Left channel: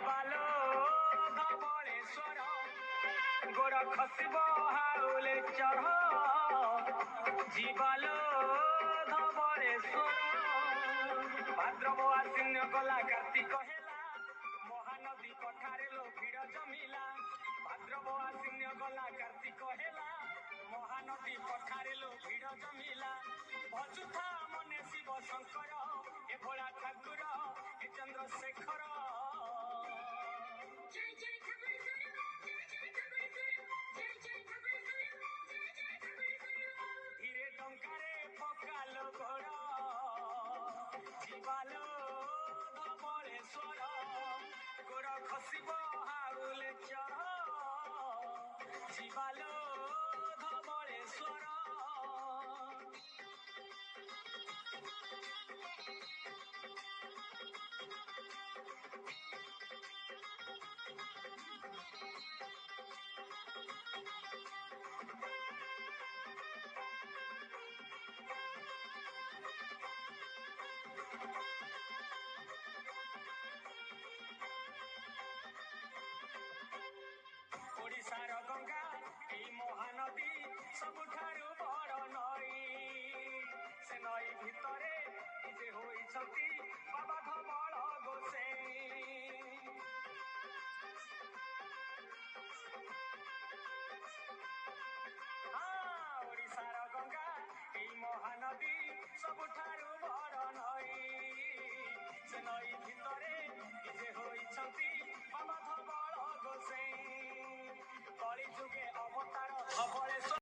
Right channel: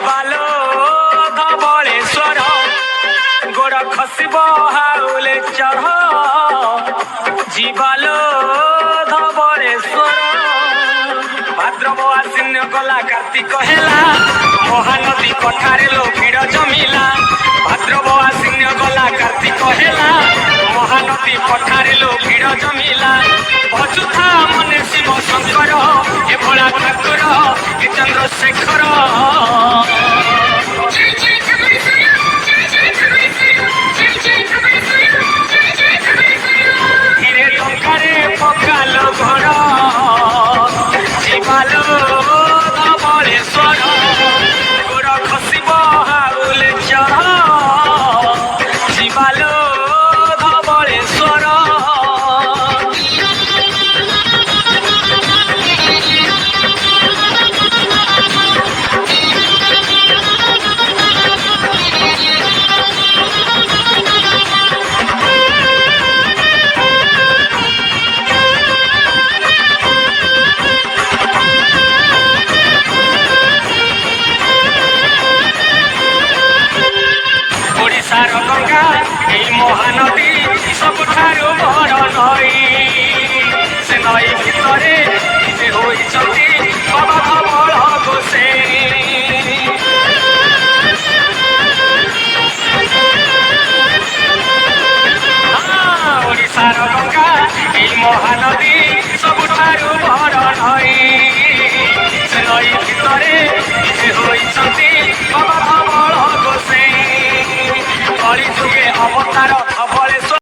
ଯିବାଲୋ ଧବଳେଶ୍ୱର ଗୋଡ଼ ଖସିବ ହାଉଲେ ଚଢ଼ ଯିବାଲୋ ଧବଳେଶ୍ୱର ଭାଦ୍ରବ ଆଶ୍ଵିନ ଗଲା କାର୍ତ୍ତିକ ହେଲା ମହାନଦୀ କଠାରେ ଲୋ ଭିଡ଼ ଜମିଲା ଭାଦ୍ରବ ଆଶ୍ଵିନ ଗଲା କାର୍ତ୍ତିକ ହେଲା ମହାନଦୀ କଠାରେ ଲୋ ଭିଡ଼ ଜମିଲା ଭଜୁଥା ମନେ ଶିବ ଶଙ୍କର ଏ ଭୋଳା ଠାକୁର ଏ ଚନ୍ଦ୍ରଶେଖର ଧୀରେ ଟଙ୍କାରେ ପକାଲୋ ଘର ଯିବାଲୋ ଧବଳେଶ୍ୱର ଗୋଡ଼ ଖସିବ ହାଉଲେ ଚଢ଼ ଯିବାଲୋ ଧବଳେଶ୍ୱର ଓଡ଼ିଶାର ଗଙ୍ଗା ଏଇ ମହାନଦୀ ସବୁଠାରୁ ବଡ଼ ନଈ ସେ ନଈ ଭିତରେ ନିଜେ ହୋଇଛନ୍ତି ବାବା ଧବଳ ଗୋସେଇଁ ଓଡ଼ିଶାର ଗଙ୍ଗା ଏଇ ମହାନଦୀ ସବୁଠାରୁ ବଡ଼ ନଈ ସେ ନଈ ଭିତରେ ନିଜେ ହୋଇଛନ୍ତି ବାବା ଧବଳ ଗୋସେଇଁ କଳି ଯୁଗେ ଅବତାର